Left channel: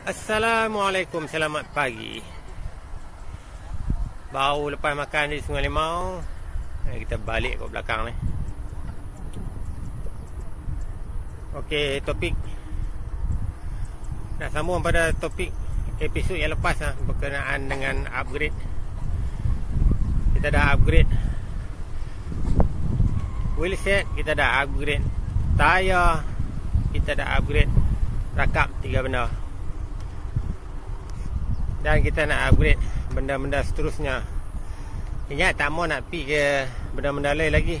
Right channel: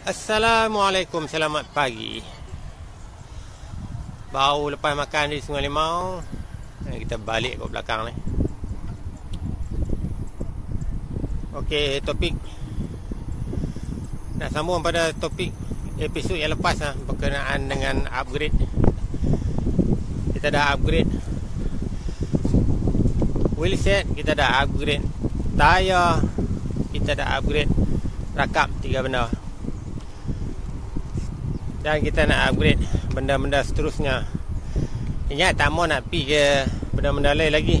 Assalamualaikum, selamat pagi. Baru lepas makan di Sungai Limau, kita balik ke belakang ni. Okey, topik nak sambung pada topik episod yang lepas berkenaan dengan upgrade. Kita dah upgrade wheelset, kita dah upgrade tayar, kita dah upgrade rakap 3 benda. Dan kita nak upgrade benda-benda seterusnya. Ingat tak mau nak pergi ke benda-benda lain lagi.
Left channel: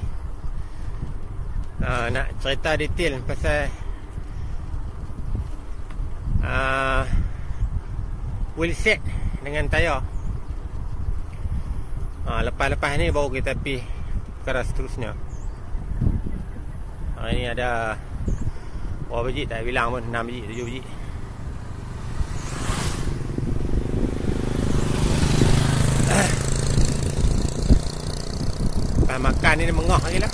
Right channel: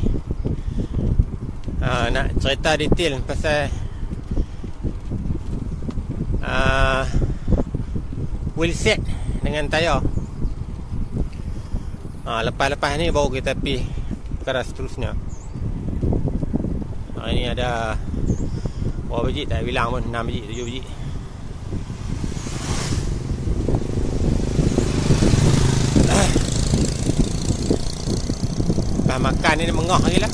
Nak cerita detail pasal wheelset dengan tayar. Lepas-lepas ni baru kita pergi perkara seterusnya. Ini ada berapa biji tak bilang pun, 6 biji, 7 biji. Makan ni dia mengah lagi lah.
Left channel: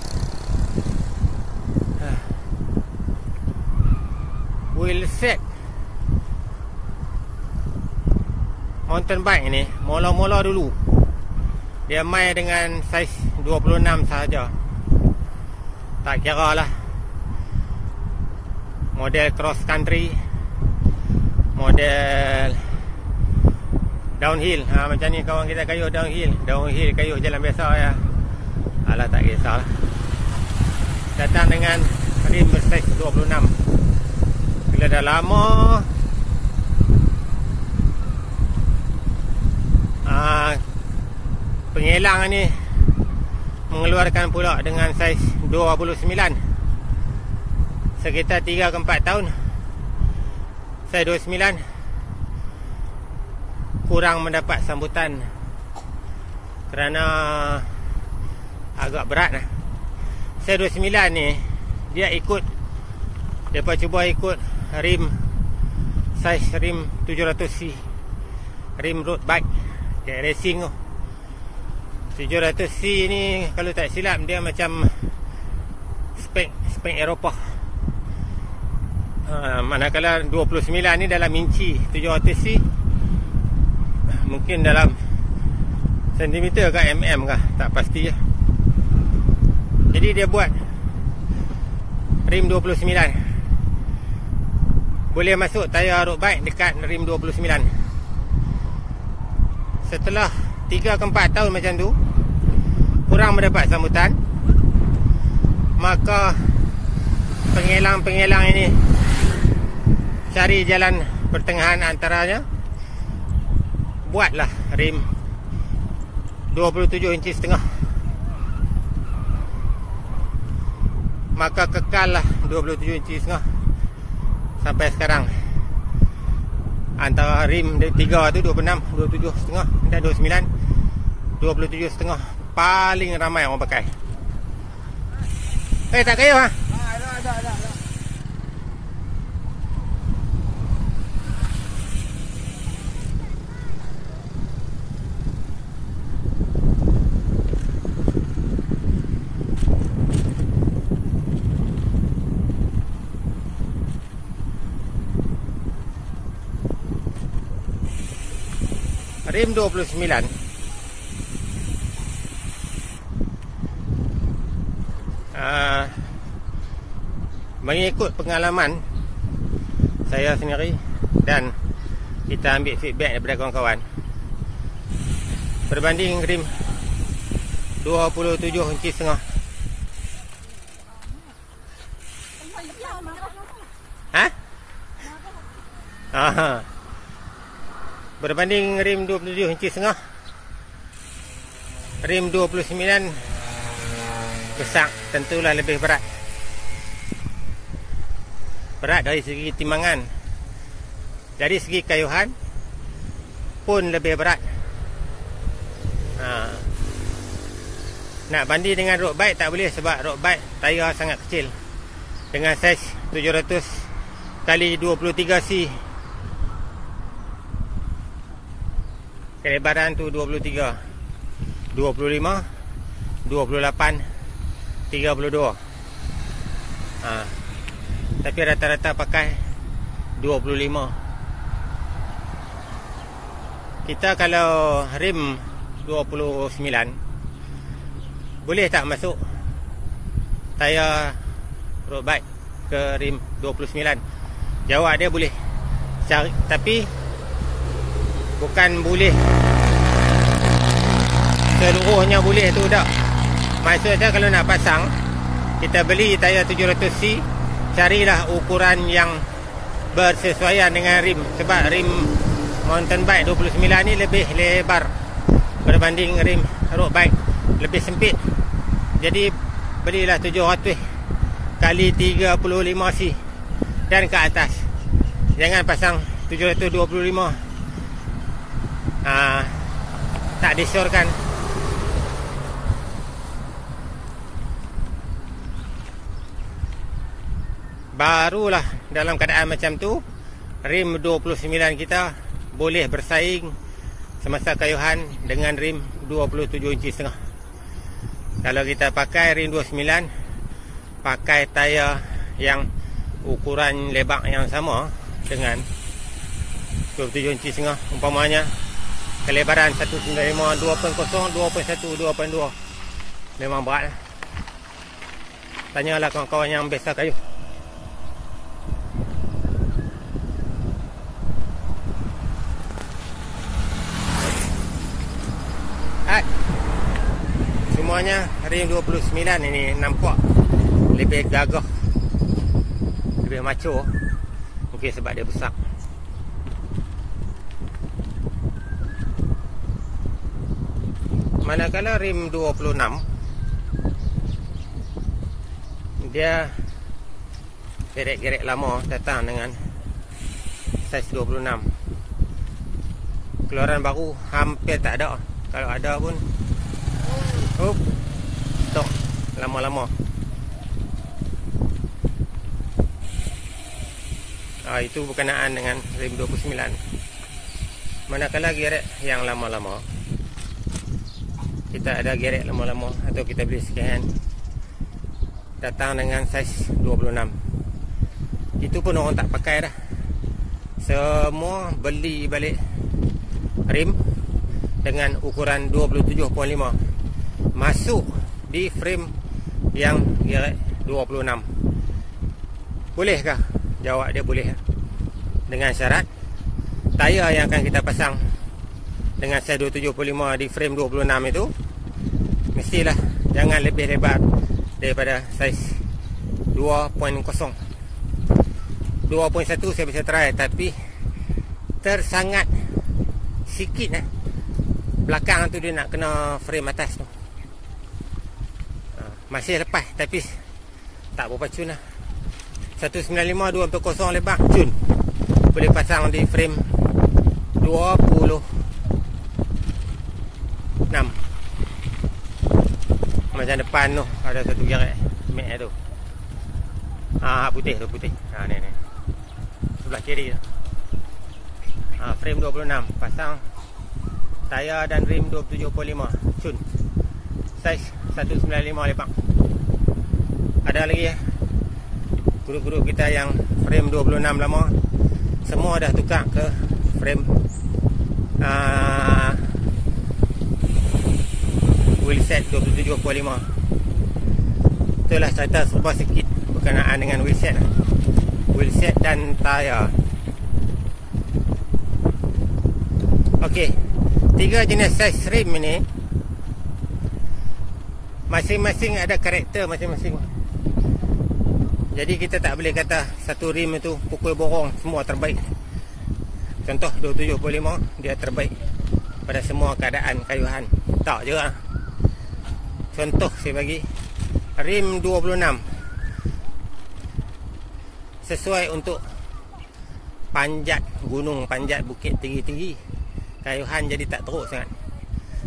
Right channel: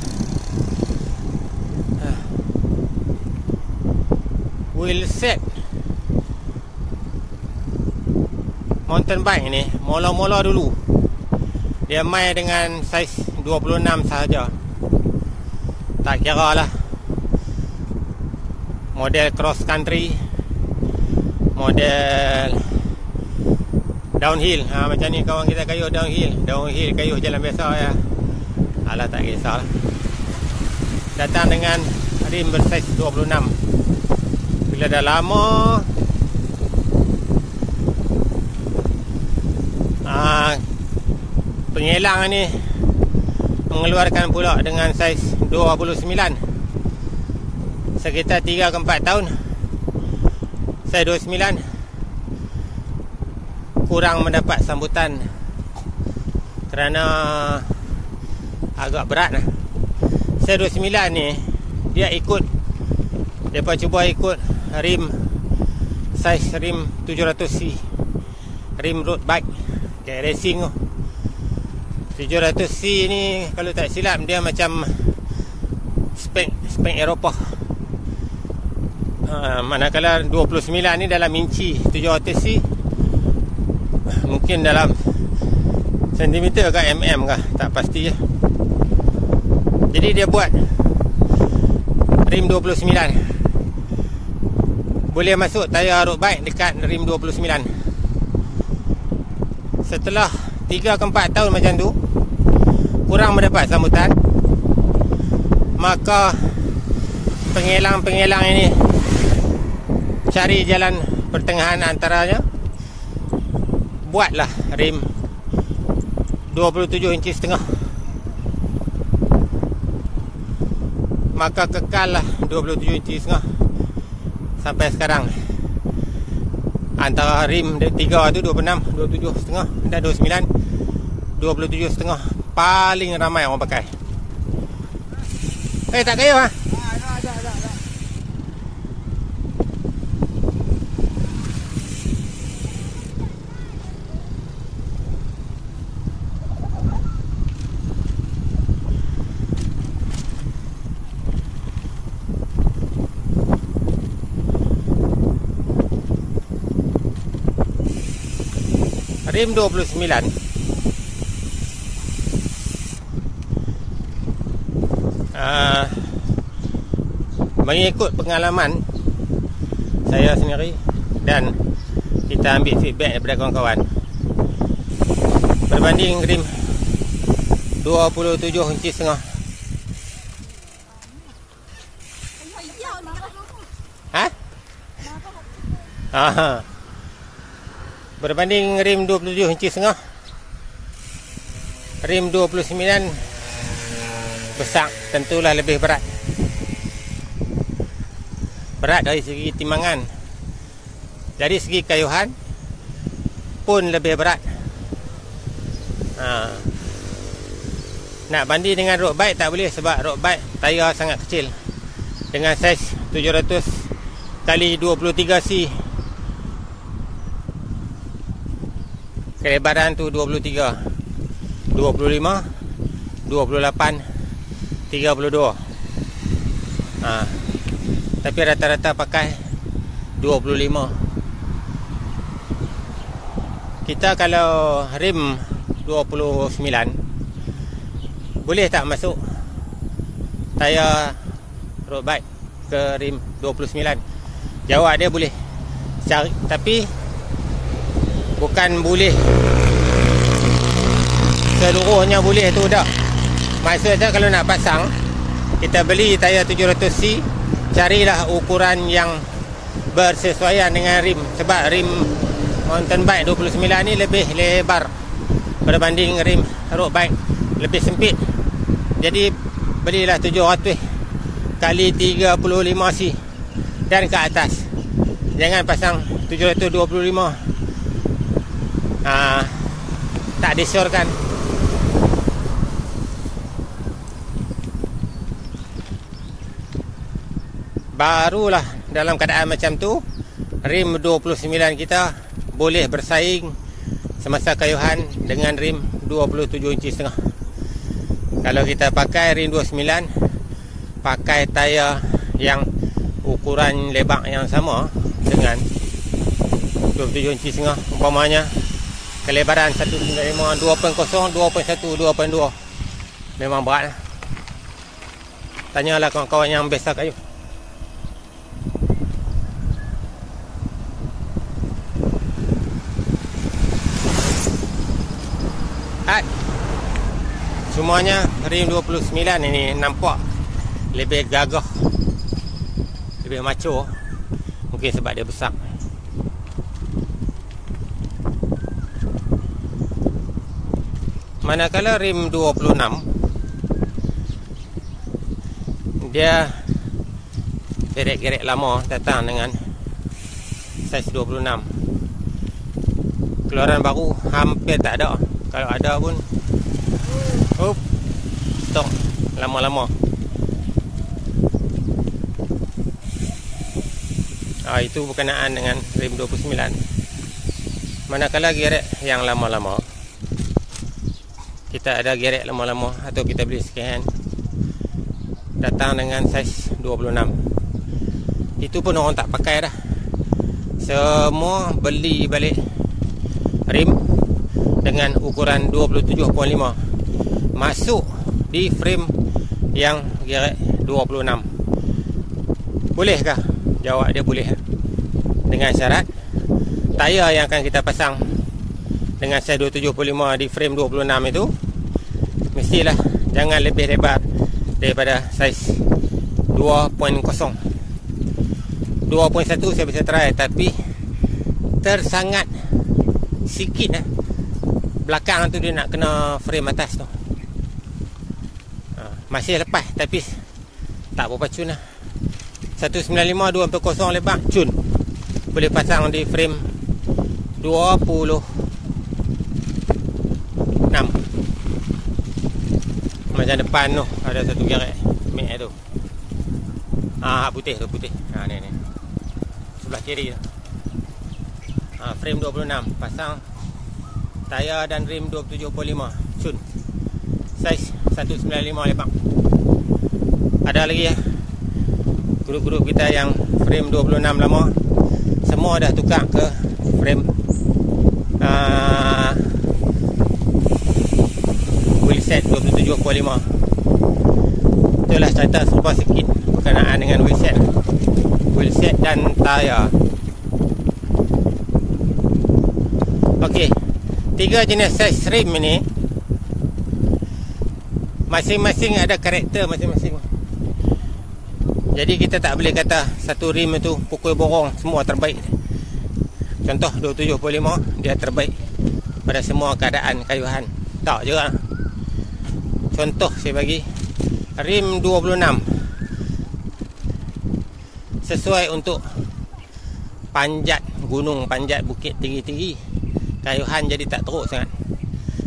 Wheelset mountain bike ni mula-mula dulu dia main dengan saiz 26 sahaja. Tak kira lah model cross country, model downhill. Macam ni kawan kita kayuh downhill kayuh jalan biasa ya. Alah, tak kisah lah. Datang dengan rim bersaiz 26. Bila dah lama pengelang ni mengeluarkan pula dengan saiz 29. Sekitar 3 ke 4 tahun saiz 29 kurang mendapat sambutan kerana agak berat lah. Saiz 29 ni dia cuba ikut rim saiz rim 700C, rim road bike kayak racing tu. 700C ni kalau tak silap dia macam spek Eropah. Manakala 29 ni dalam inci, 700C mungkin dalam sentimeter ke mm ke, tak pasti je. Jadi dia buat rim 29, boleh masuk tayar road bike dekat rim 29. Setelah 3 ke 4 tahun macam tu kurang mendapat sambutan, maka pengelang ini cari jalan pertengahan antaranya, buatlah rim 27 inci setengah. Maka kekal lah 27 inci setengah sampai sekarang. Antara rim 3 tu 26, 27 setengah dan 29, 27 setengah paling ramai orang pakai. Tak kaya ha? Rim 29 mengikut pengalaman saya sendiri dan kita ambil feedback daripada kawan-kawan, berbanding rim 27 inci setengah, berbanding rim 27 inci setengah, rim 29 besar tentulah lebih berat. Berat dari segi timbangan, dari segi kayuhan pun lebih berat. Nak banding dengan road bike tak boleh, sebab road bike tayar sangat kecil. Dengan saiz 700 kali 23C, kelebaran tu 23, 25, 28, 32. Tapi rata-rata pakai 25. kita kalau rim 29 boleh tak masuk tayar road bike ke rim 29? Jawab dia boleh. Tapi bukan boleh seluruhnya boleh tu tak. Maksudnya kalau nak pasang, kita beli tayar 700C, carilah ukuran yang bersesuaian dengan rim. Sebab rim mountain bike 29 ni lebih lebar berbanding rim road bike, lebih sempit. Jadi belilah 700 kali 35C dan ke atas. Jangan pasang 725. Tak disyorkan. Barulah dalam keadaan macam tu rim 29 kita boleh bersaing semasa kayuhan dengan rim 27 inci setengah. Kalau kita pakai rim 29, pakai tayar yang ukuran lebak yang sama dengan 27 inci setengah, umpamanya kelebaran 195, 2.0, 2.1, 2.2, memang berat lah. Tanyalah kawan-kawan yang biasa kayu. Semuanya rim 29 ini nampak lebih gagah, lebih macho. Mungkin sebab dia besar. Manakala rim 26 dia gerek-gerek lama datang dengan saiz 26. Keluaran baru hampir tak ada. Kalau ada pun stok lama-lama. Itu berkenaan dengan rim 29. Manakala gerek yang lama-lama, kita ada gerek lama-lama atau kita beli second hand datang dengan saiz 26, itu pun orang tak pakai dah. Semua beli balik rim dengan ukuran 27.5 masuk di frame yang gerek 26. Bolehkah? Jawab dia boleh, dengan syarat tayar yang akan kita pasang dengan saiz 275 di frame 26 itu mestilah jangan lebih lebar daripada saiz 2.0. 2.1 saya bisa try, tapi tersangat sikit belakang tu dia nak kena frame atas tu. Masih lepas tapi tak berapa cun lah. 195 240 lebar cun. Boleh pasang di frame 26. Macam depan tu ada satu gerek mek tu. Putih tu, putih. Ni. Sebelah kiri tu. Frame 26, pasang tayar dan rim 27.5 cun. Saiz 195 lebar. Ada lagi grup-grup kita yang frame 26 lama, semua dah tukar ke frame wheelset 27.5. Itulah cerita serupa sikit berkenaan dengan wheelset dan tayar. Okey, 3 jenis saiz rim ini masing-masing ada karakter masing-masing. Jadi kita tak boleh kata satu rim itu pukul borong semua terbaik. Contoh 275 dia terbaik pada semua keadaan kayuhan. Tak juga. Contoh saya bagi, rim 26 sesuai untuk panjat gunung, panjat bukit tinggi-tinggi. Kayuhan jadi tak teruk sangat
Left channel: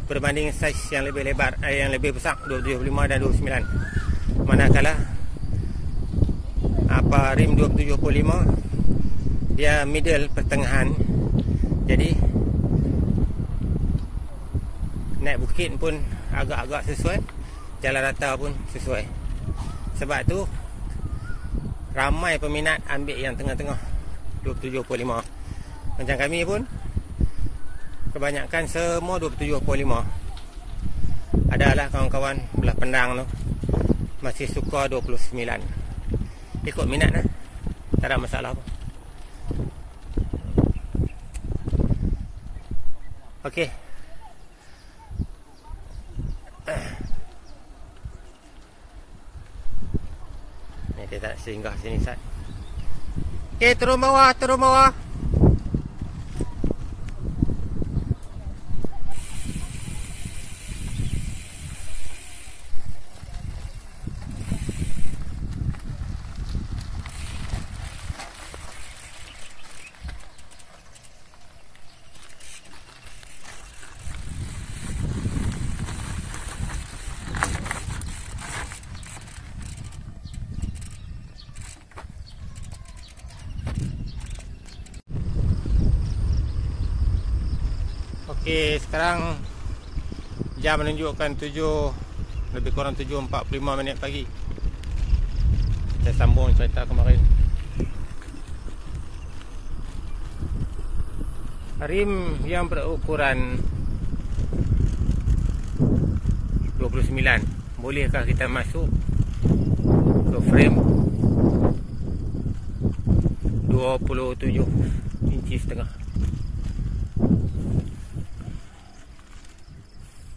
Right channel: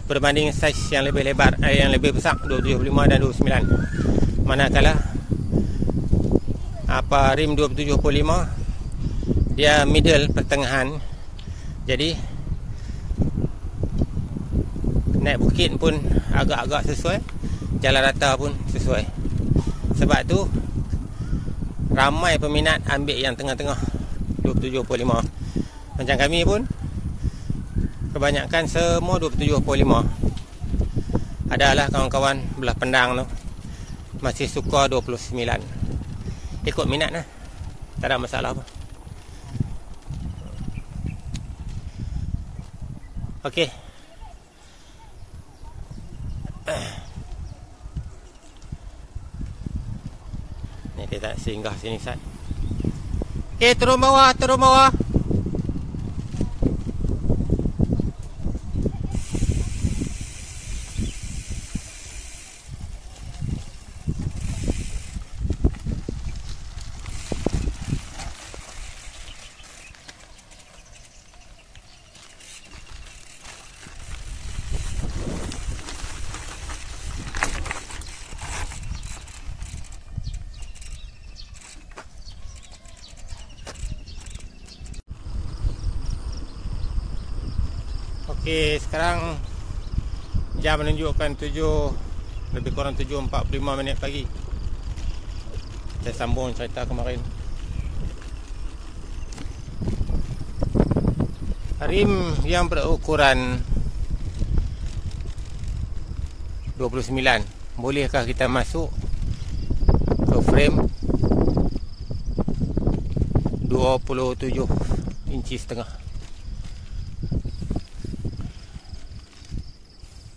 berbanding saiz yang lebih lebar, yang lebih besar 275 dan 29. Manakala rim 275 dia middle, pertengahan. Jadi naik bukit pun agak-agak sesuai, jalan rata pun sesuai. Sebab tu ramai peminat ambil yang tengah-tengah 275. Macam kami pun kebanyakan semua 27.5. Adalah kawan-kawan belah Pendang tu masih suka 29. Ikut minat lah, tak ada masalah apa. Okey. Ni dia tak singgah sini Sat. Okey, turun bawah, turun bawah. Okey, sekarang jam menunjukkan 7 lebih kurang 7.45 minit pagi. Saya sambung cerita kemarin. Rim yang berukuran 29, bolehkah kita masuk ke frame 27 inci setengah?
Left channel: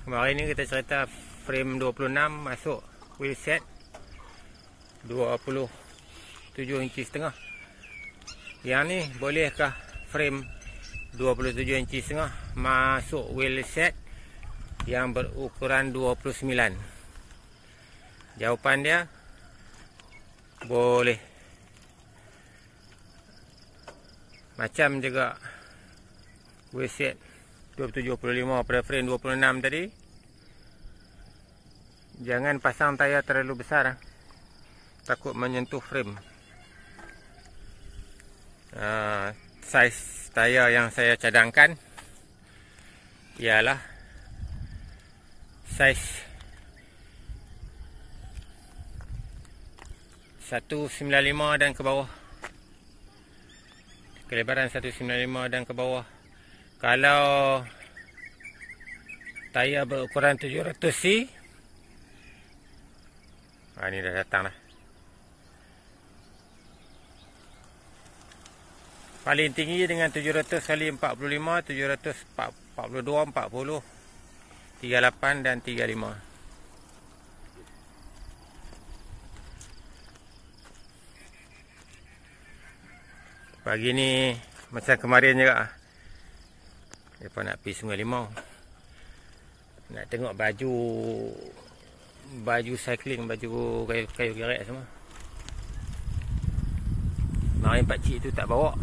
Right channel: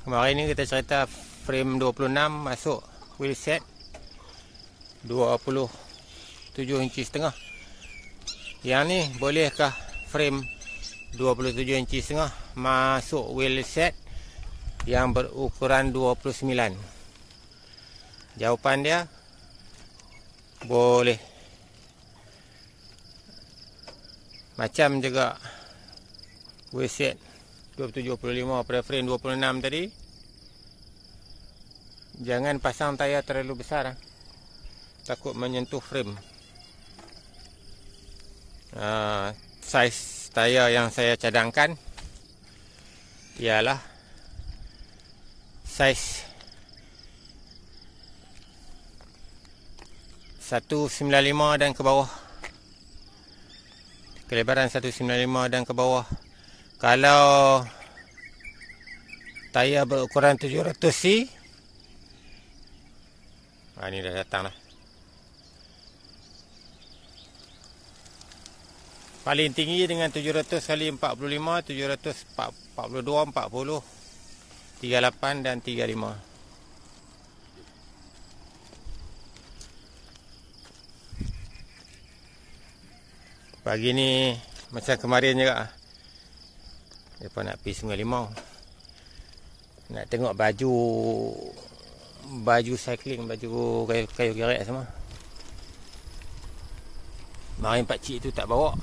Kemarin ni kita cerita frame 26 masuk wheel set 27 inci setengah. Yang ni bolehkah frame 27 inci setengah masuk wheel set yang berukuran 29? Jawapan dia boleh. Macam juga wheel set 27.5 pada frame 26 tadi. Jangan pasang tayar terlalu besar, takut menyentuh frame. Saiz tayar yang saya cadangkan ialah saiz 195 dan ke bawah. Kelebaran 195 dan ke bawah. Kalau tayar berukuran 700C, ni dah datang lah. Paling tinggi dengan 700 kali 45, 742, 40, 38 dan 35. Pagi ni macam kemarin juga, mereka nak pergi Sungai Limau, nak tengok baju cycling, baju kayu gerek semua. Mari pakcik tu tak bawa.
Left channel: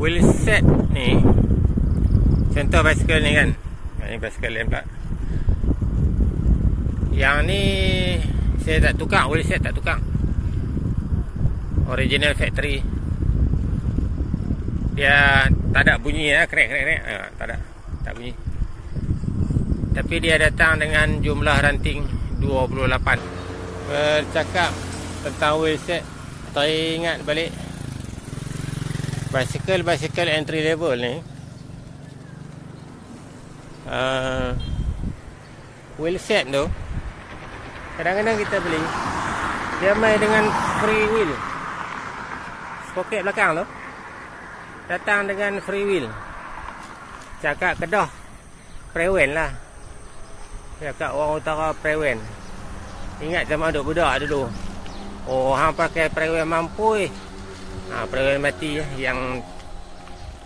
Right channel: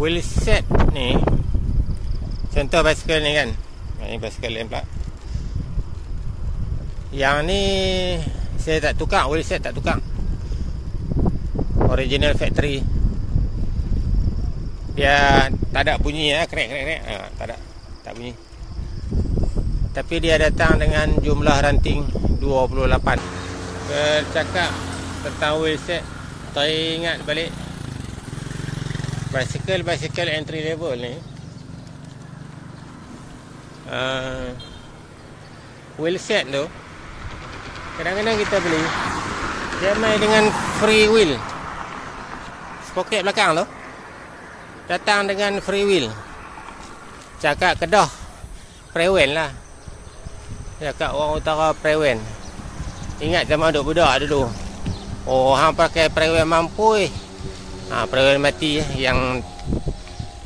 Wheel set ni, contoh basikal ni kan, ini basikal lain pula. Yang ni saya tak tukar, wheel set tak tukar, original factory. Dia tak ada bunyi ya, krek. Tak bunyi. Tapi dia datang dengan jumlah ranting 28. Bercakap tentang wheel set, teringat balik basikal entry level ni. Wheel set tu kadang-kadang kita beli, dia main dengan free wheel. Sprocket belakang tu datang dengan free wheel. Cakap Kedah Prewen lah, cakap orang utara Prewen. Ingat zaman duk budak dulu, oh hang pakai Prewen mampu Prewen mati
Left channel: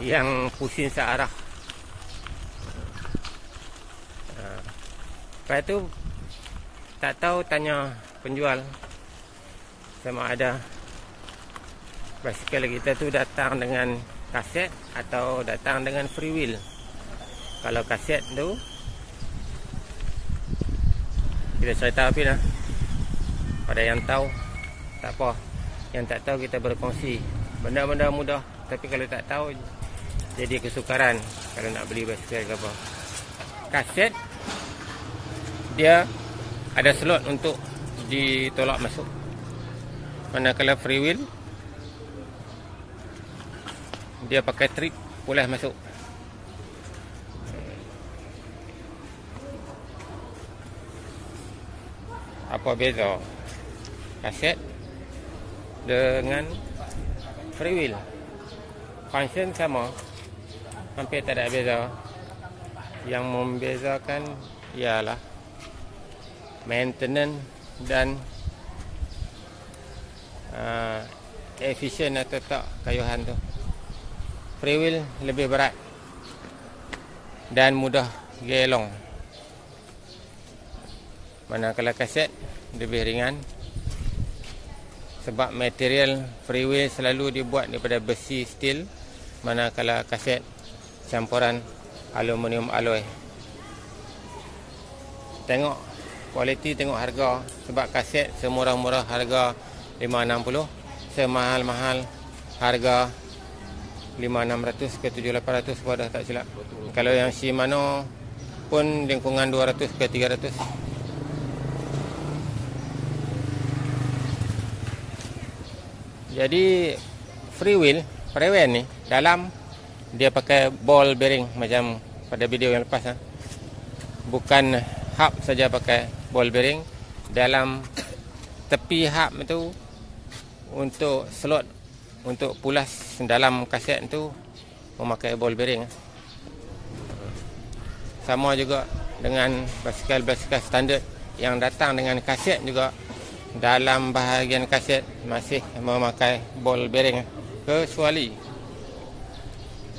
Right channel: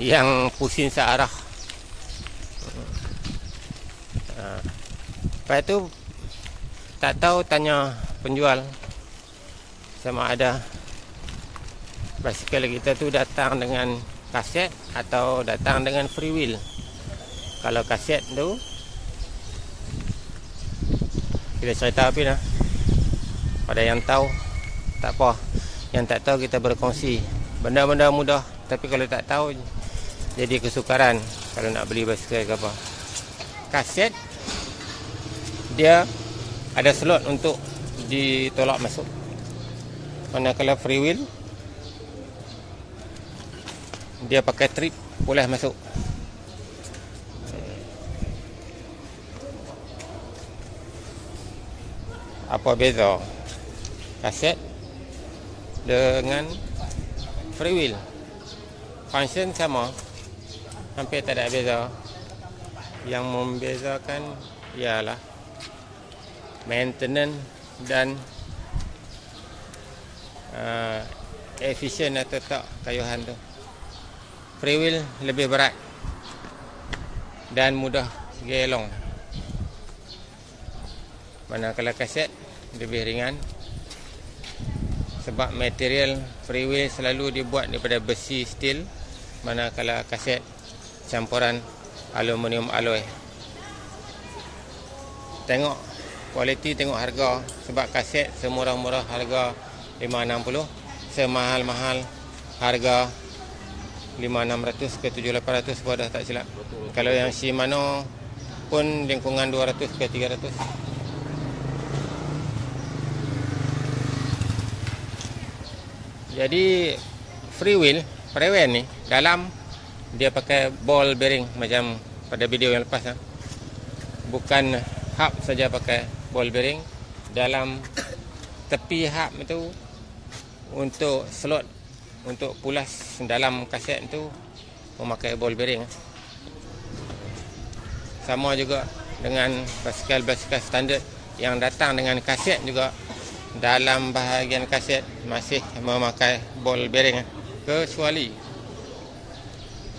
yang pusing searah. Lepas tu tak tahu, tanya penjual sama ada basikal kita tu datang dengan kaset atau datang dengan free wheel. Kalau kaset tu kita cerita apa lah. Pada yang tahu tak apa, yang tak tahu kita berkongsi. Benda-benda mudah, tapi kalau tak tahu jadi kesukaran kalau nak beli basikal ke apa. Kaset dia ada slot untuk ditolak masuk. Manakala free wheel dia pakai trip boleh masuk. Apa beza kaset dengan free wheel? Function sama, hampir tak ada beza. Yang membezakan ialah maintenance dan efisien atau tak kayuhan tu. Free wheel lebih berat dan mudah gelong, manakala kaset lebih ringan. Sebab material free wheel selalu dibuat daripada besi steel, manakala kaset campuran aluminium alloy. Tengok kualiti, tengok harga. Sebab kaset semurah-murah harga 560, semahal-mahal harga 5,600 ke 7,800 pun dah tak silap. Kalau yang Shimano pun lingkungan 200 ke 300. Jadi free wheel Prewen ni dalam dia pakai ball bearing macam pada video yang lepas. Bukan hub saja pakai ball bearing. Dalam tepi hub itu untuk slot untuk pulas dalam kaset itu memakai ball bearing. Sama juga dengan basikal-basikal standard yang datang dengan kaset juga, dalam bahagian kaset masih memakai ball bearing.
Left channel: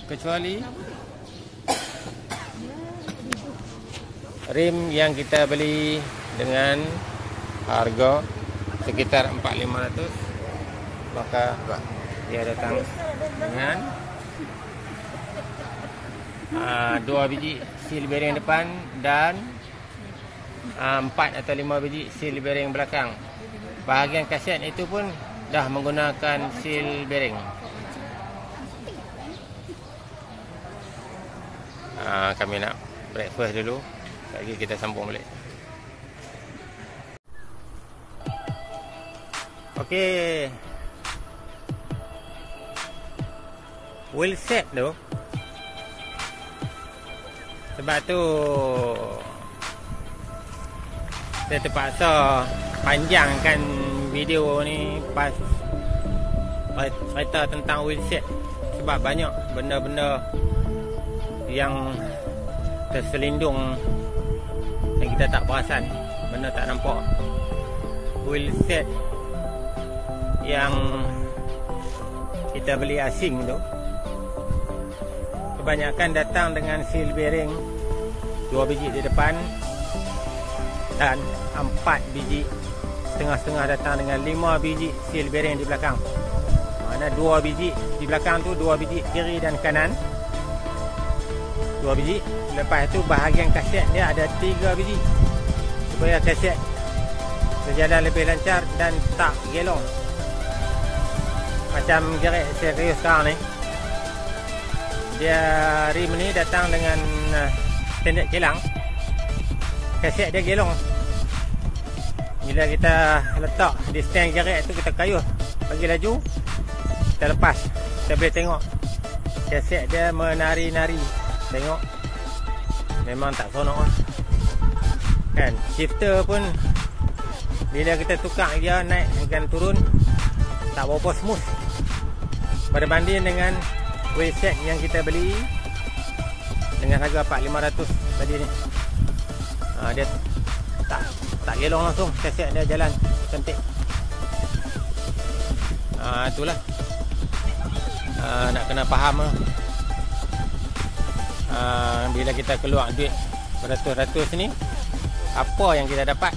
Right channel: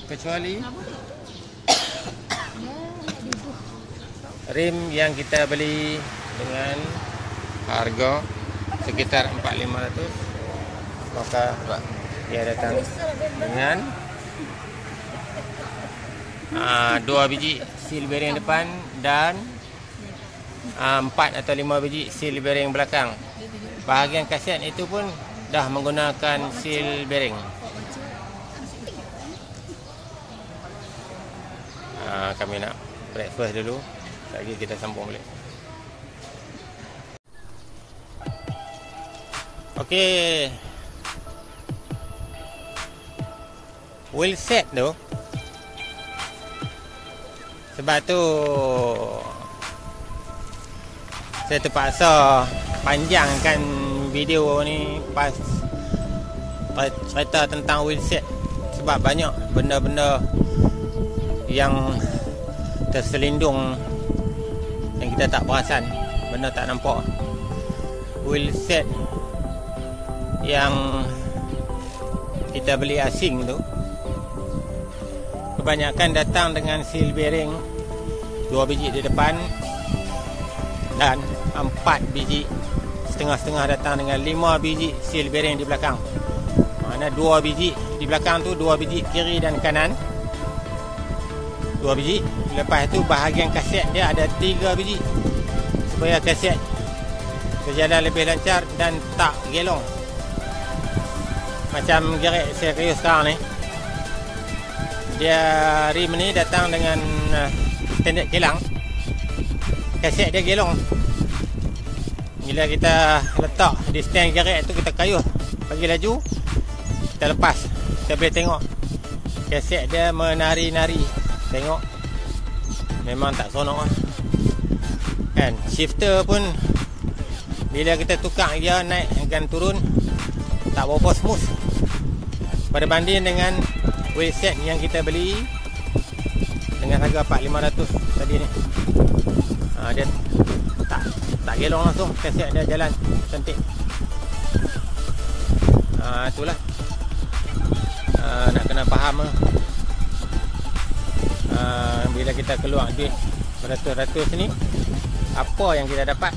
Kecuali rim yang kita beli dengan harga sekitar 4,500, maka dia datang dengan 2 biji seal bearing depan dan 4 atau 5 biji seal bearing belakang. Bahagian kaset itu pun dah menggunakan seal bearing. Kami nak breakfast dulu, lagi kita sambung balik. Okey, wheel set tu, sebab tu saya terpaksa panjangkan video ni pas cerita tentang wheel set. Sebab banyak benda-benda yang terselindung yang kita tak perasan, benda tak nampak. Wheel set yang kita beli asing tu kebanyakan datang dengan seal bearing 2 biji di depan dan 4 biji, setengah-setengah datang dengan 5 biji seal bearing di belakang. Mana 2 biji di belakang tu, 2 biji kiri dan kanan, 2 biji. Lepas tu bahagian kaset dia ada 3 biji supaya kaset berjalan lebih lancar dan tak gelong. Macam gerek serius sekarang ni, dia rim ni datang dengan standard kilang, kaset dia gelong. Bila kita letak di stand gerek tu, kita kayuh bagi laju, kita lepas, kita boleh tengok kaset dia menari-nari. Tengok, memang tak seronok lah kan. Shifter pun bila kita tukar dia naik dan turun tak berapa smooth berbanding dengan wheel set yang kita beli dengan harga 4,500 tadi ni. Dia tak gelong langsung, kaset dia jalan cantik. Itulah nak kena faham lah. Bila kita keluar duit beratus-ratus ni, apa yang kita dapat.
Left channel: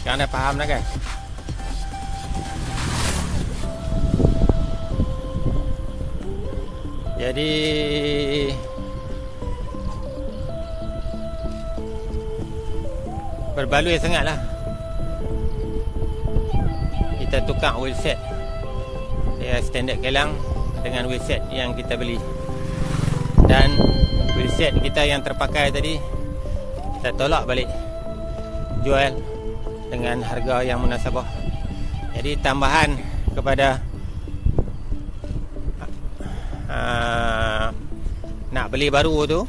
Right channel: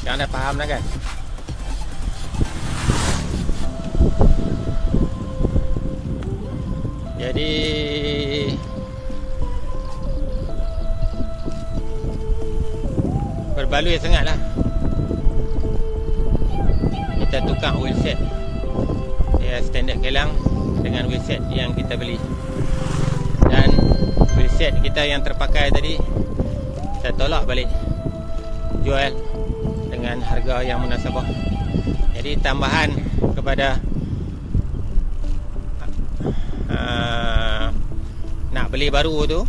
Sekarang dah faham dah kan. Jadi berbaloi sangatlah kita tukar wheel set ya, standard kilang dengan wheel set yang kita beli. Dan wheel set kita yang terpakai tadi kita tolak balik jual dengan harga yang munasabah. Jadi tambahan kepada nak beli baru tu,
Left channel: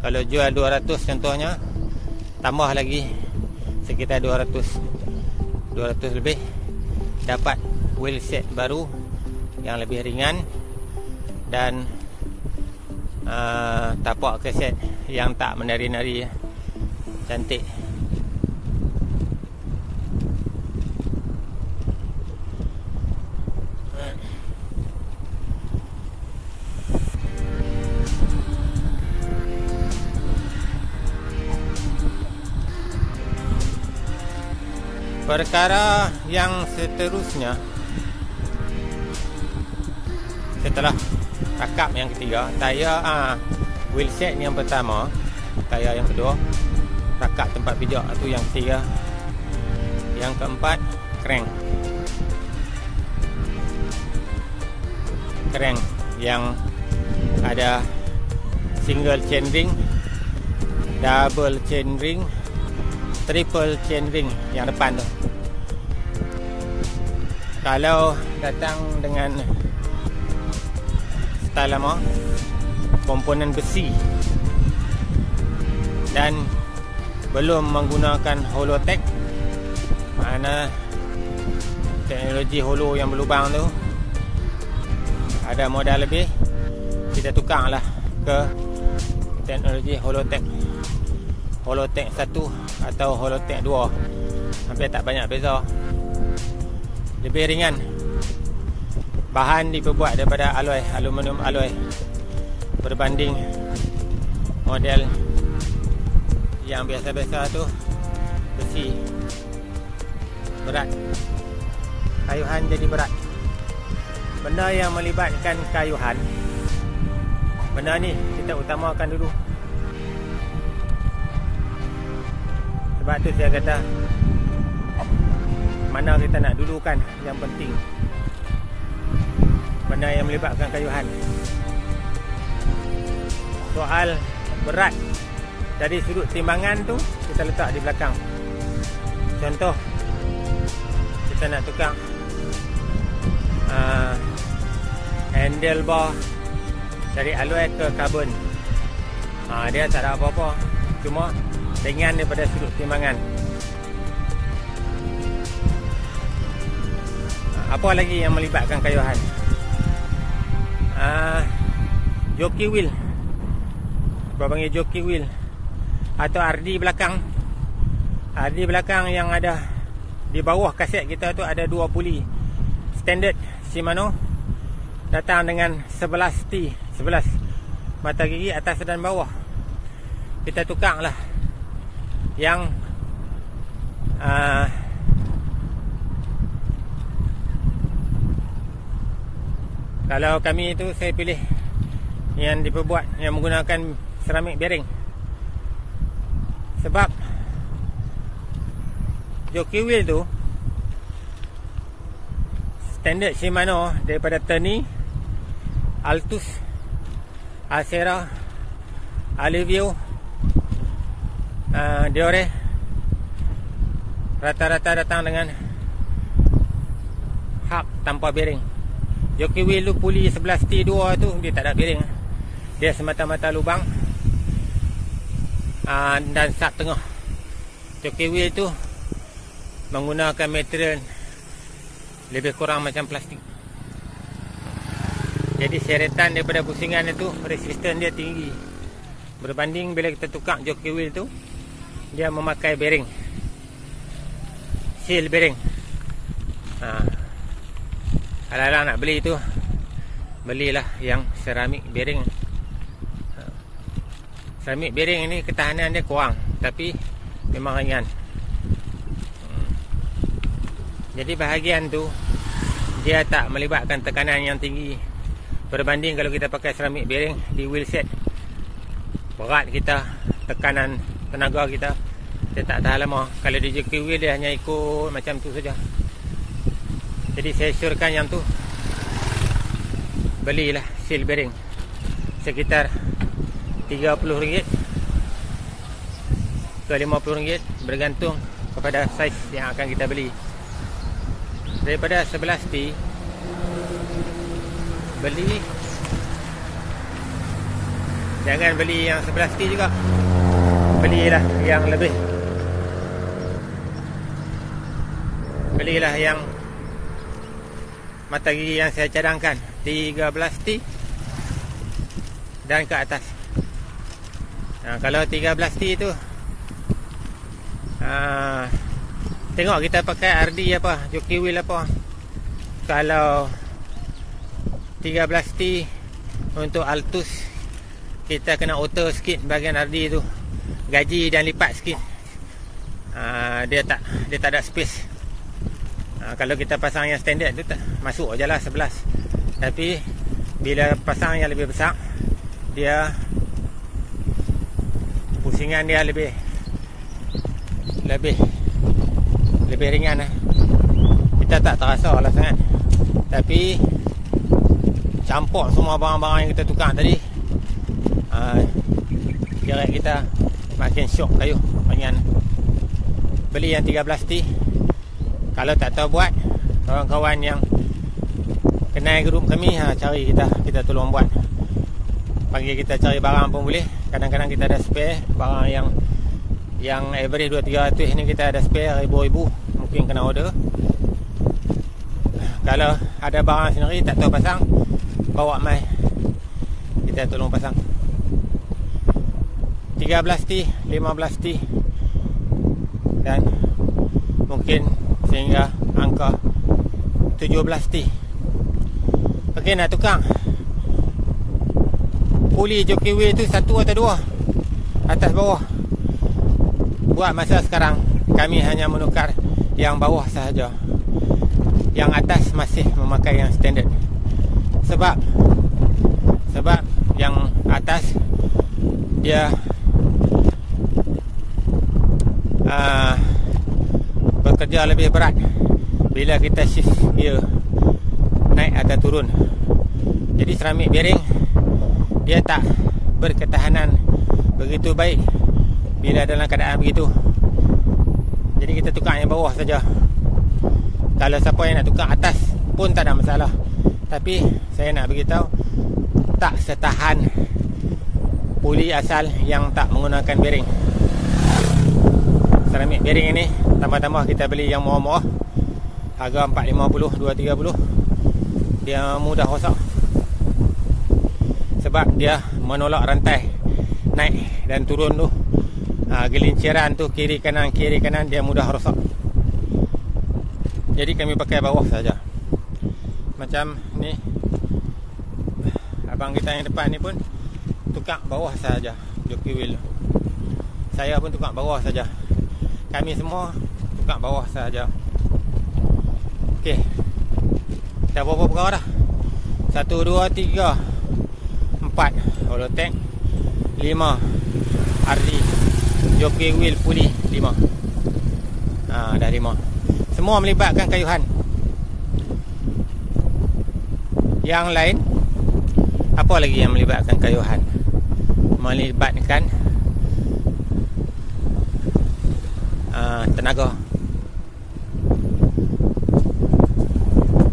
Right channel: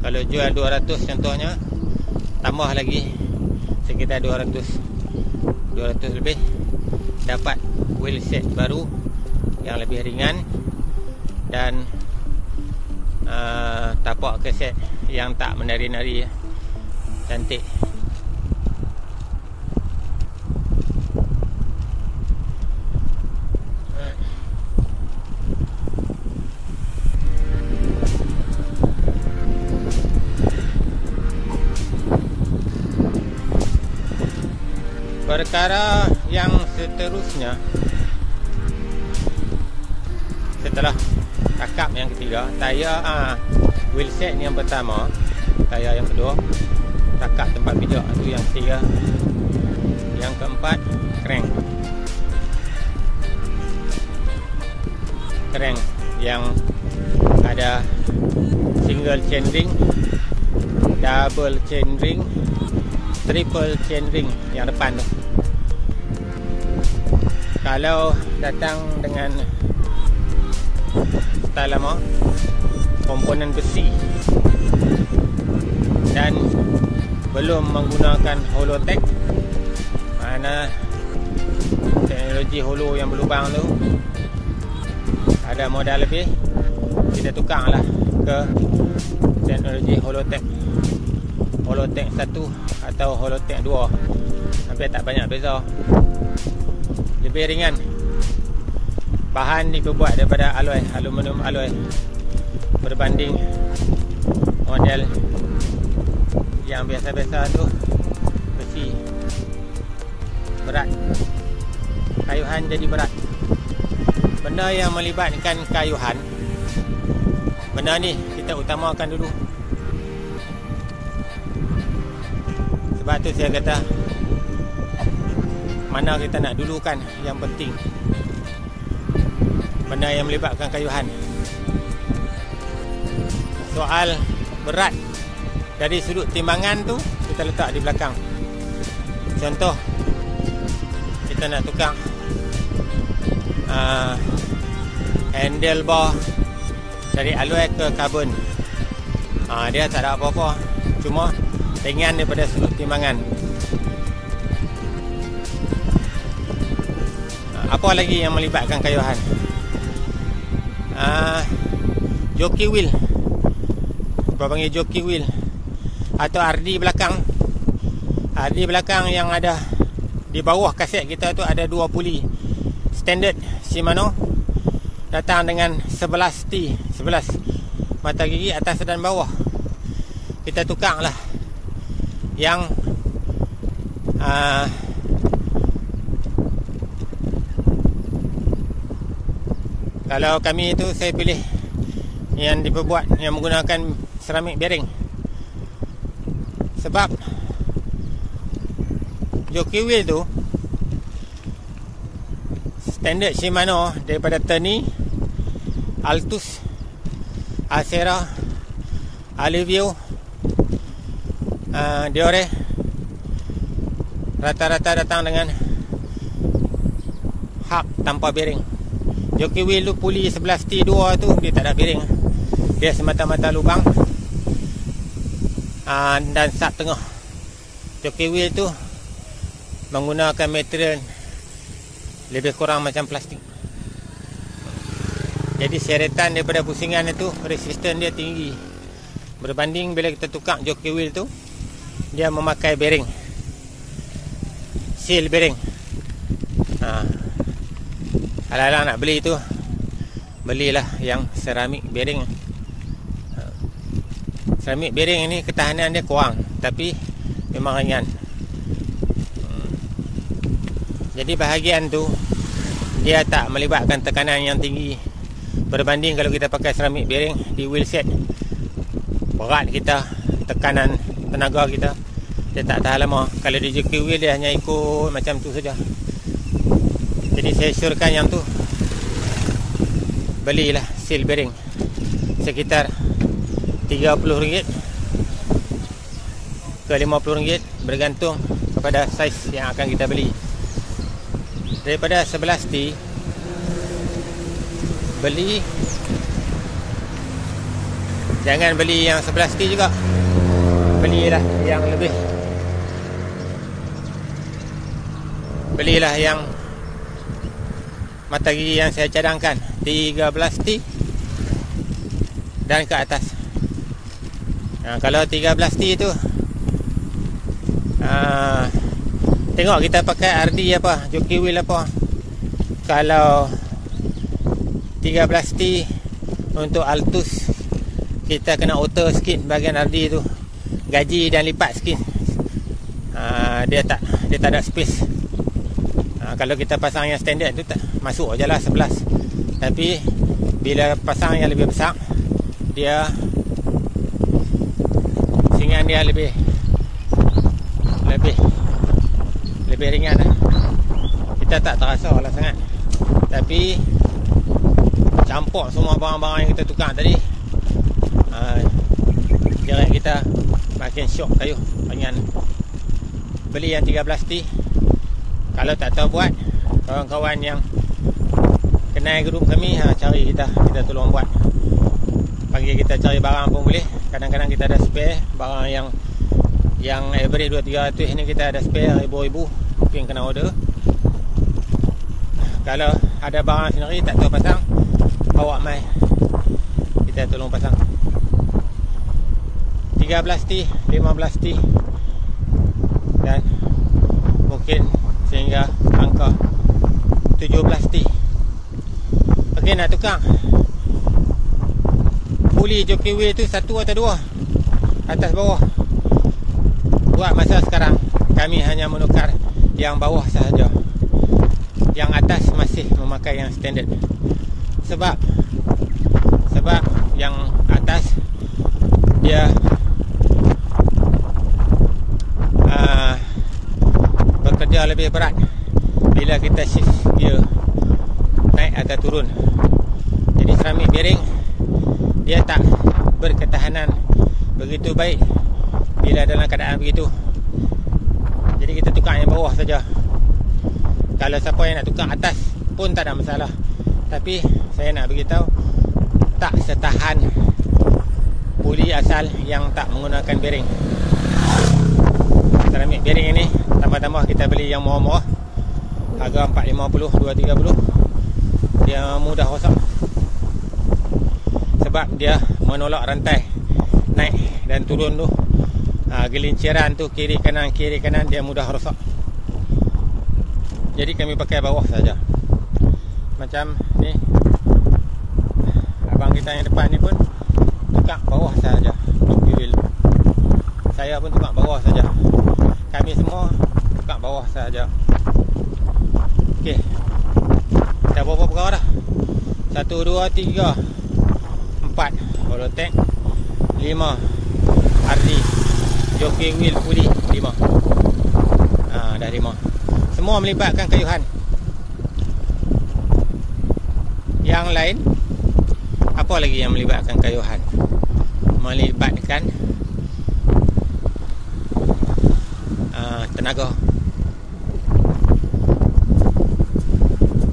kalau jual 200 contohnya, tambah lagi sekitar 200 lebih, dapat wheel set baru yang lebih ringan dan tapak keset yang tak menari-nari, cantik. Perkara yang seterusnya, setelah takap yang ketiga, tayar wheel set yang pertama, tayar yang kedua, takap tempat pijak itu yang ketiga, yang keempat crank yang ada single chain ring, double chain ring, triple chain ring yang depan tu. Kalau datang dengan style lama, komponen besi dan belum menggunakan Holotech, mana teknologi holo yang berlubang tu, ada modal lebih, kita tukarlah ke teknologi Holotech 1 atau Holotech 2. Hampir tak banyak beza. Lebih ringan. Bahan diperbuat daripada aluminium alloy, berbanding model yang biasa-biasa tu besi. Berat. Kayuhan jadi berat. Benda yang melibatkan kayuhan, benda ni kita utamakan dulu. Sebab tu saya kata, mana kita nak dulukan yang penting. Benda yang melibatkan kayuhan. Soal berat dari sudut timbangan tu kita letak di belakang. Contoh, kita nak tukar handlebar dari alloy ke karbon. Dia tak ada apa-apa, cuma ringan daripada sudut timbangan. Apa lagi yang melibatkan kayuhan? Jockey wheel, apa panggil jockey wheel, atau RD belakang. RD belakang yang ada di bawah kaset kita tu ada 2 puli standard Shimano, datang dengan 11 T, 11 mata gigi atas dan bawah. Kita tukarlah yang kalau kami itu, saya pilih yang diperbuat yang menggunakan ceramik bearing. Sebab jockey wheel tu standard Shimano daripada Terni, Altus, Acera, Alivio, Diore, rata-rata datang dengan hub tanpa bearing. Jockey wheel tu puli 11 T2 tu dia tak ada bearing. Dia semata-mata lubang dan sat tengah. Jockey wheel tu menggunakan material lebih kurang macam plastik. Jadi seretan daripada pusingan itu, resisten dia tinggi. Berbanding bila kita tukar jockey wheel tu, dia memakai bearing, seal bearing. Alang-alang nak beli tu, belilah yang ceramik bearing. Ceramik bearing ini ketahanan dia kurang, tapi memang ringan. Jadi bahagian tu dia tak melibatkan tekanan yang tinggi. Berbanding kalau kita pakai ceramik bearing di wheel set, berat kita, tekanan tenaga kita, dia tak tahan lama. Kalau di jockey wheel dia hanya ikut macam tu saja. Jadi saya syorkan yang tu, belilah seal bearing sekitar RM30. ke RM50 bergantung kepada saiz yang akan kita beli. Daripada 11T beli, jangan beli yang 11T juga, belilah yang lebih, belilah yang mata gigi yang saya cadangkan 13T dan ke atas. Kalau 13T itu tengok kita pakai RD apa, jockey wheel apa. Kalau 13T untuk Altus, kita kena auto sikit bahagian RD tu, gaji dan lipat sikit. Dia tak ada space. Kalau kita pasang yang standard tu tak masuk je lah 11. Tapi bila pasang yang lebih besar, dia pusingan dia lebih ringan lah. Kita tak terasa lah sangat. Tapi campur semua barang-barang yang kita tukar tadi, direct kita makin syok kayu. Pengen beli yang 13T. Kalau tak tahu buat, kawan-kawan yang kenal grup kami, cari kita tolong buat. Panggil kita cari barang pun boleh. Kadang-kadang kita ada spare barang yang average 200-300 ni, kita ada spare ribu-ribu, mungkin kena order. Kalau ada barang sendiri tak tahu pasang, bawa mai, kita tolong pasang. 13T, 15T dan mungkin sehingga angka 17T. Okey, nak tukar puli jockey wheel tu satu atau dua, atas bawah. Buat masa sekarang kami hanya menukar yang bawah sahaja. Yang atas masih memakai yang standard. Sebab yang atas dia bekerja lebih berat bila kita shift gear naik atau turun. Jadi seramik bearing dia tak berketahanan begitu baik bila dalam keadaan begitu. Jadi kita tukar yang bawah saja. Kalau siapa yang nak tukar atas pun tak ada masalah. Tapi saya nak beritahu, tak setahan puli asal yang tak menggunakan bearing. Seramik bearing ini tambah-tambah kita beli yang murah-murah, harga 450, 230. Dia mudah rosak sebab dia menolak rantai naik dan turun tu. Gelinciran tu kiri kanan dia mudah rosak. Jadi kami pakai bawah saja. Macam ni, abang kita yang depan ni pun tukar bawah saja jockey wheel. Saya pun tukar bawah saja. Kami semua tukar bawah saja. Okey, kita berapa perkara dah? 1, 2, 3, 4 holotek, 5 RD jockey wheel puli 5. Dah 5. Semua melibatkan kayuhan. Yang lain, apa lagi yang melibatkan kayuhan? Melibatkan tenaga.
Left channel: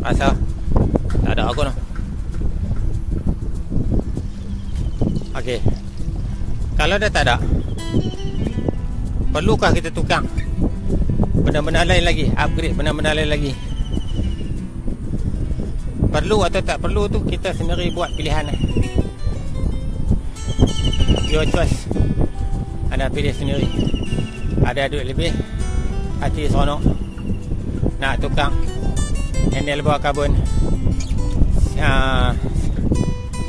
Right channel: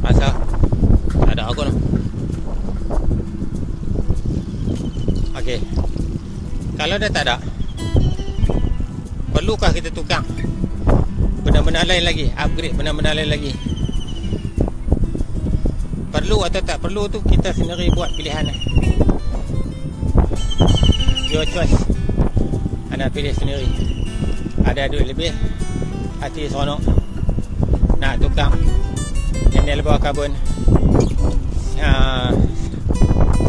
Asal tak ada aku lah. Okey, kalau dah tak ada, perlukah kita tukar benda-benda lain lagi, upgrade benda-benda lain lagi? Perlu atau tak perlu tu kita sendiri buat pilihan. Your choice. Anda pilih sendiri. Ada duit lebih, hati seronok, nak tukar handle bawah karbon,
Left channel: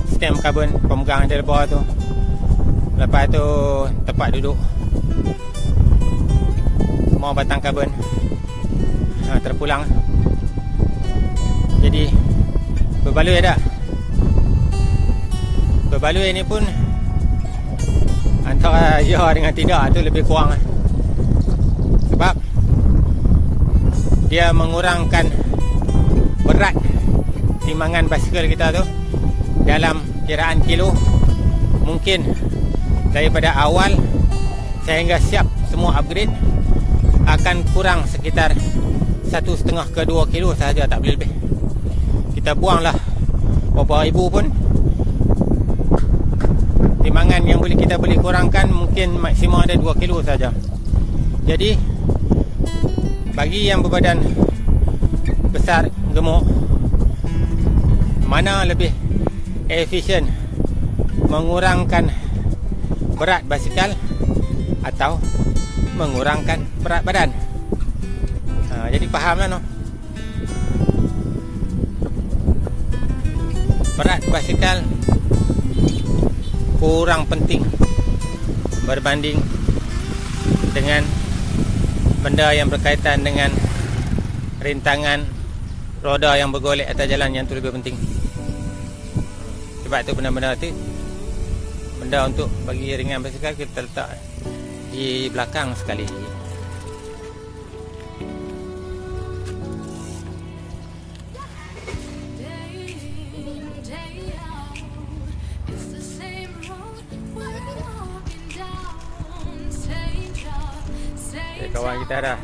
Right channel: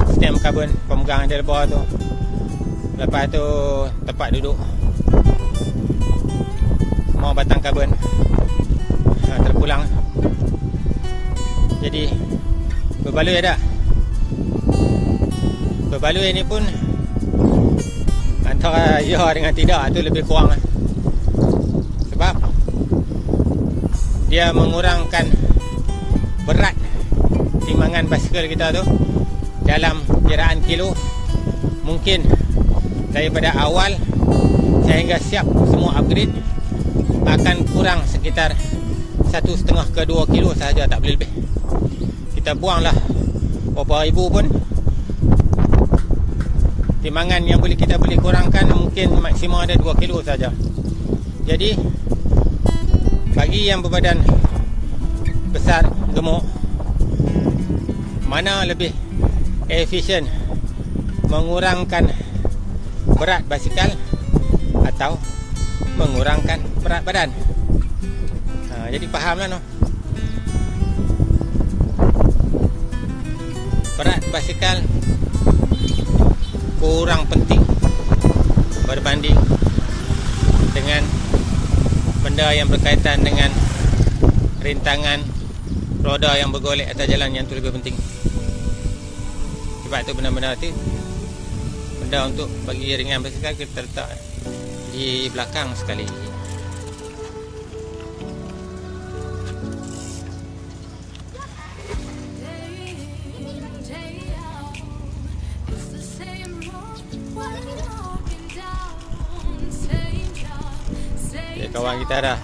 stem karbon, pemegang handle bawah tu. Lepas tu tempat duduk, semua batang karbon terpulang. Jadi berbaloi dah. Berbaloi ni pun antara ya dengan tidak tu lebih kurang. Sebab dia mengurangkan berat timbangan basikal kita tu dalam kiraan kilo. Mungkin daripada awal sehingga siap semua mau upgrade akan kurang sekitar 1,5 ke 2 kilo sahaja, tak boleh lebih. Kita buanglah beberapa ribu pun. Timbangan yang kita boleh kurangkan mungkin maksimum ada 2 kilo saja. Jadi bagi yang berbadan besar, gemuk, mana lebih efisien mengurangkan berat basikal atau mengurangkan berat badan? Jadi fahamlah no. Berat basikal kurang penting berbanding dengan benda yang berkaitan dengan rintangan roda yang bergolek atas jalan, yang tu lebih penting. Sebab tu benda-benda tu, benda untuk bagi ringan basikal kita letak di belakang sekali. Okay, kawan kita dah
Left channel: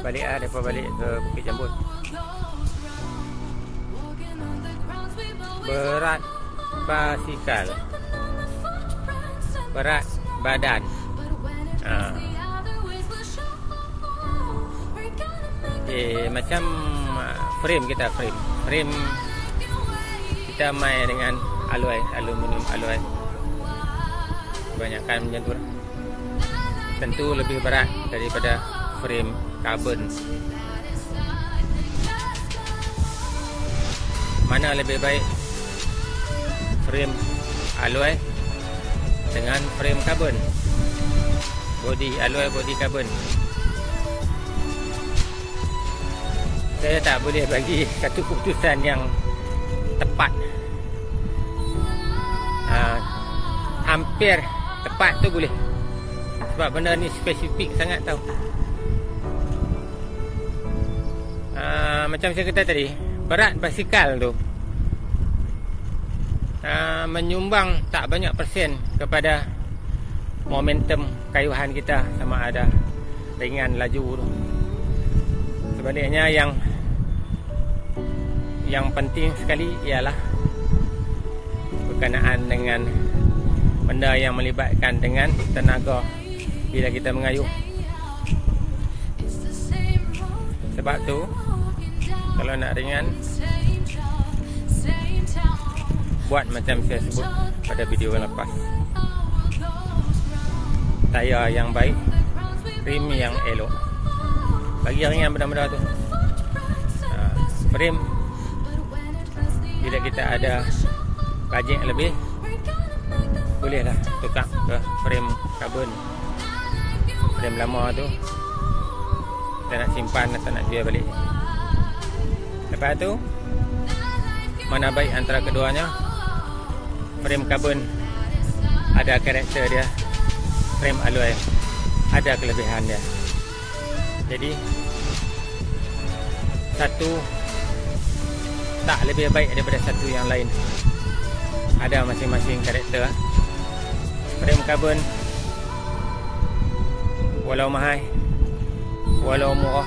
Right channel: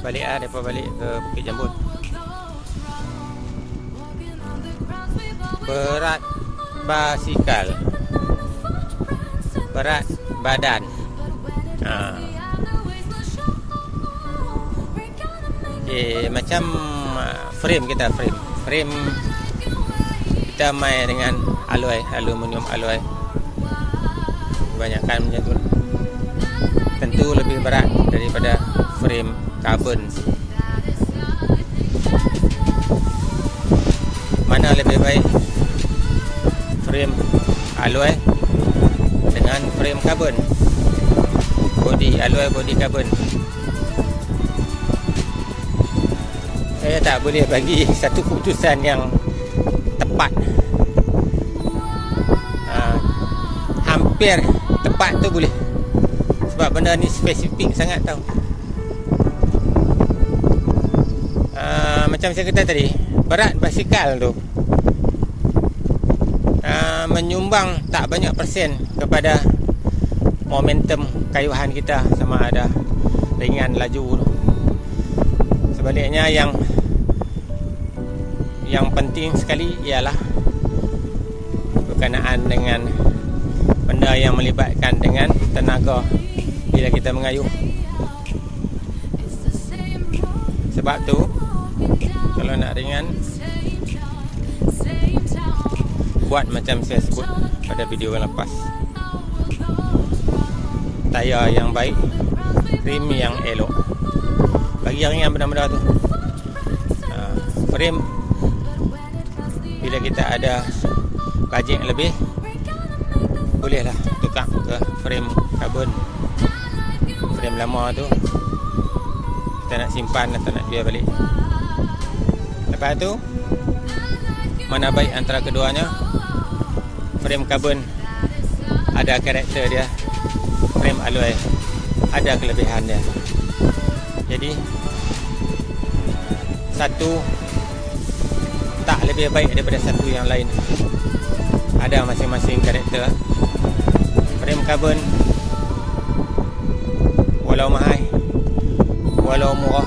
balik daripada balik ke Bukit Jambul. Berat basikal, berat badan. Okay, macam frame kita, frame kita main dengan aluminium alloy. Kebanyakan macam tu lah. Tentu lebih berat daripada frame karbon. Mana lebih baik, frame alloy dengan frame karbon? Body alloy, body karbon. Saya tak boleh bagi satu keputusan yang tepat. Hampir tepat tu boleh, sebab benda ni spesifik sangat tau. Macam saya kata tadi, berat basikal tu menyumbang tak banyak persen kepada momentum kayuhan kita, sama ada ringan laju tu. Sebaliknya yang penting sekali ialah berkenaan dengan benda yang melibatkan dengan tenaga bila kita mengayuh. Sebab tu kalau nak ringan, buat macam saya sebut pada video yang lepas. Tayar yang baik, rim yang elok, bagi ringan benda-benda tu. Frame, bila kita ada bajet lebih, bolehlah tukar ke frame karbon. Frame lama tu kita nak simpan atau nak jual balik. Lepas tu, mana baik antara keduanya? Frame karbon ada karakter dia, frame alloy ada kelebihan dia. Jadi satu tak lebih baik daripada satu yang lain. Ada masing-masing karakter. Frame karbon walau mahal, walau murah,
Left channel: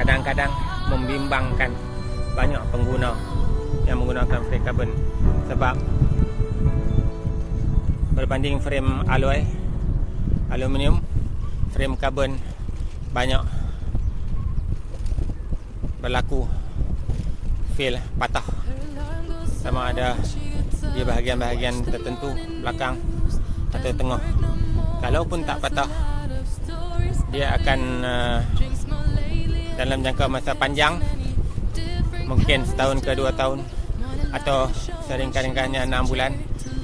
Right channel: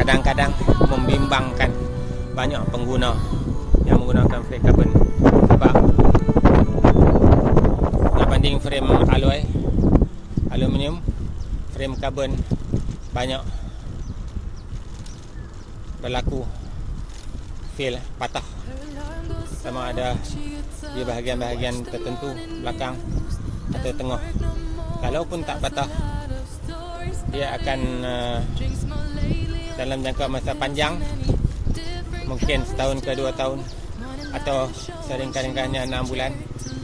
kadang-kadang membimbangkan banyak pengguna yang menggunakan frame karbon. Sebab berbanding frame alloy, aluminium, frame karbon banyak berlaku fail, patah. Sama ada di bahagian-bahagian tertentu, belakang atau tengah. Kalaupun tak patah, dia akan dalam jangka masa panjang, mungkin setahun ke 2 tahun, atau sering-kadangnya 6 bulan,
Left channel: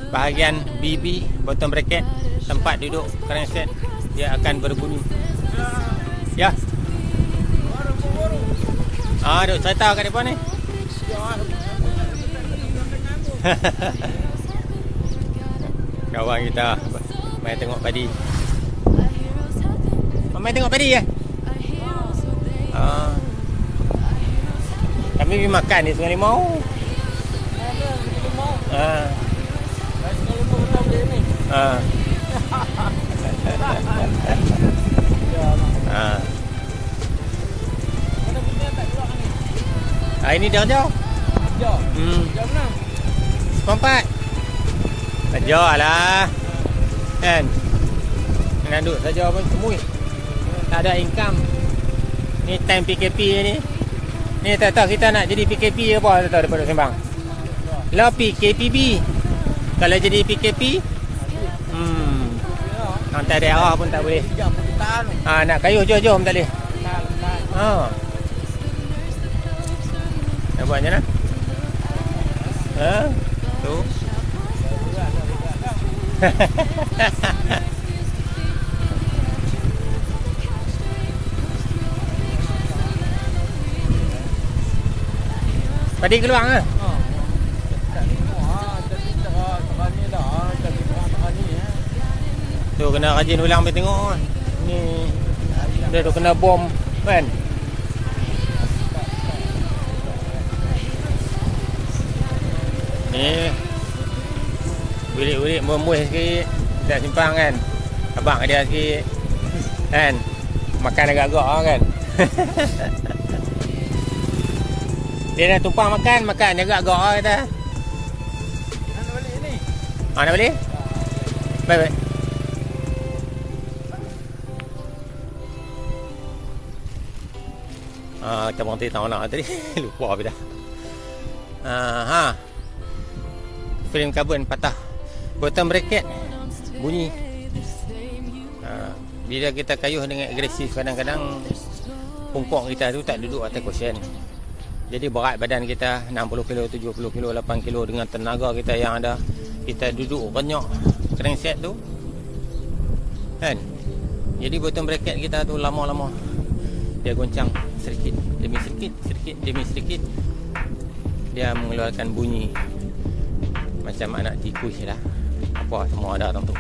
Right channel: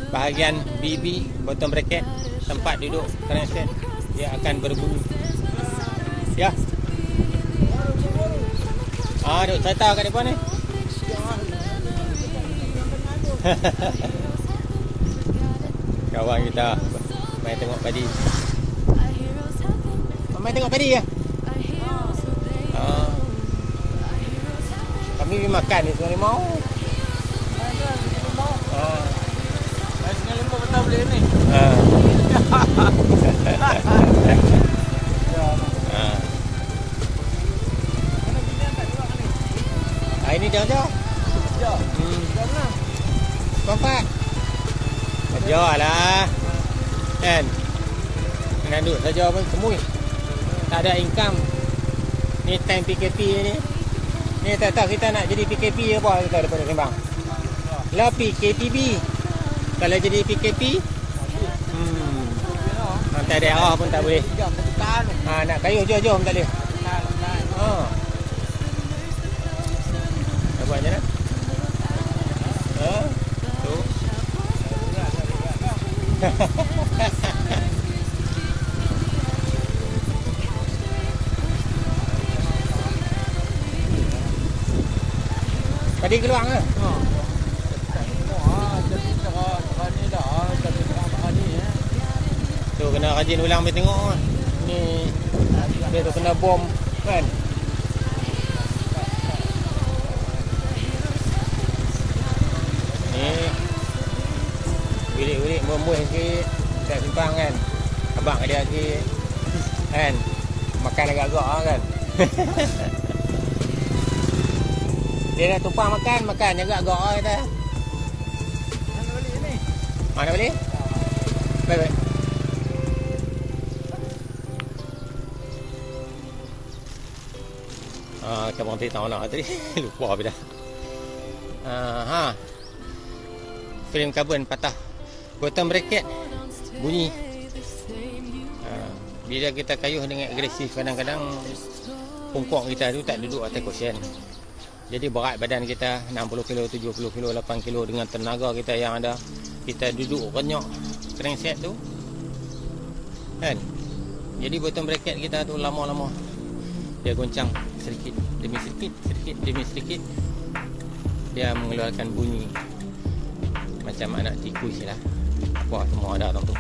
bahagian BB, bottom bracket, tempat duduk crankset, dia akan berbunyi. Ya. Duk cerita kat depan ni. Kawan kita main tengok padi. Main tengok padi ya? Kami pergi makan ni Sungai Limau. Sungai Limau betul boleh ni. Ini jauh-jauh. Kompak. Jauh lah. Kan? Dengan duduk saja pun semui. Tak ada income. Ni time PKP ni. Ni tak tahu kita nak jadi PKP apa tak daripada sembang. Lah PKPB. Kalau jadi PKP, hantar daerah pun tak boleh. Nak kayuh jom tak boleh. Nak buat macam mana? Tu. Tadi keluar ke? Tu kena rajin ulang pergi tengok. Ni dia tu kena bom kan. Ni ulik-ulik membuih sikit. Tak simpang kan. Abang dia sikit kan. Makan agak-agak kan. Dia nak tumpang makan agak-agak kata. Nak balik? Baik. Cabang tadi tahu nak tadi. Lupa habis dah. Frame carbon patah. Bottom bracket bunyi. Bila kita kayuh dengan agresif, kadang-kadang pungkok kita tu tak duduk atas kusen. Jadi berat badan kita 60 kilo, 70 kilo, 8 kilo dengan tenaga kita yang ada. Kita duduk banyak crankset tu kan. Jadi bottom bracket kita tu lama-lama dia goncang sedikit demi sedikit, dia mengeluarkan bunyi macam anak tikus lah. Apa semua ada dalam tu.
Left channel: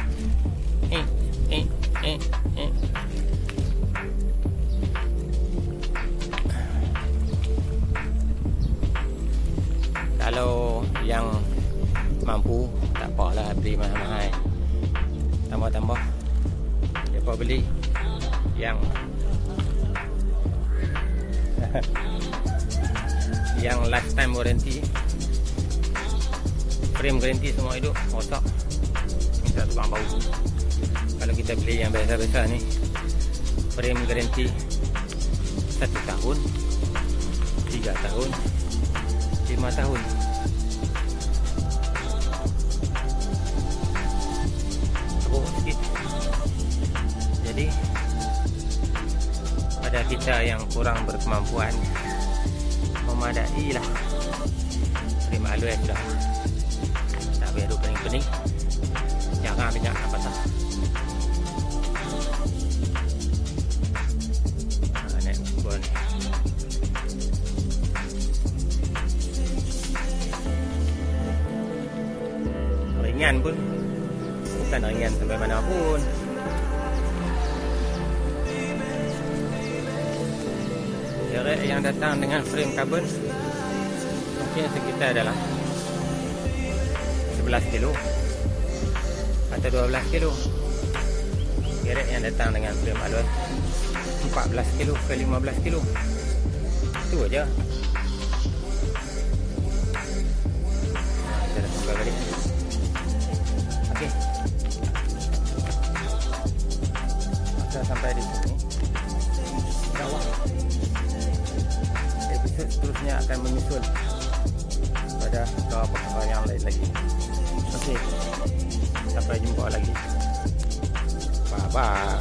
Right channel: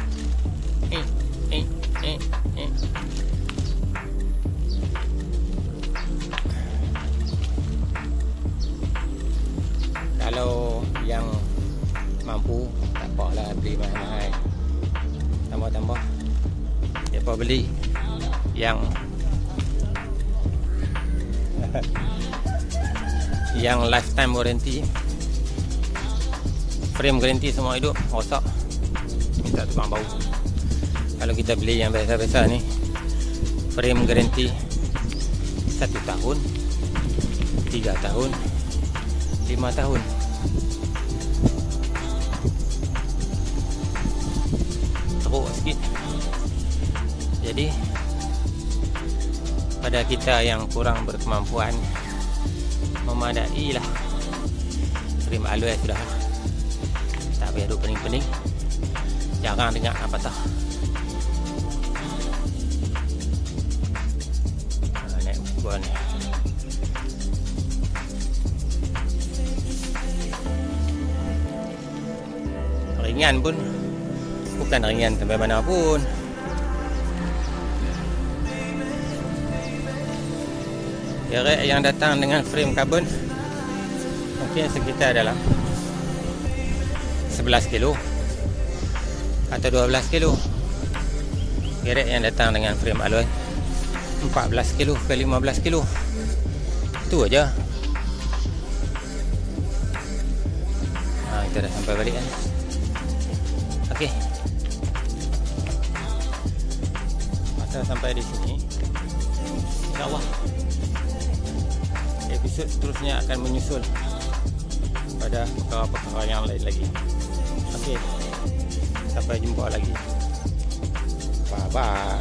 Kalau yang mampu tak apalah beli mahal-mahal. Tambah-tambah siapa beli yang yang lifetime warranty, frame garanti semua hidup, rosak minta tukang baru. Kalau kita beli yang biasa-biasa ni, frame garanti 1 tahun, 3 tahun, 5 tahun. Teruk sikit. Jadi pada kita yang kurang berkemampuan memadai lah, frame alloy sudah tak payah duduk pening-pening. Jarang dengar apa tah. Naik ukur ni. Ringan pun bukan ringan sampai mana pun. Derek yang datang dengan frame carbon mungkin sekitar adalah 11 kilo atau 12 kilo. Derek yang datang dengan frame alloy 14 kilo ke 15 kilo. Itu aja. Kita dah sampai balik kan. Okey. Masa sampai di sini, insya-Allah episod seterusnya akan menyusul pada perkara-perkara yang lain lagi. Okey. Sampai jumpa lagi. Bye bye.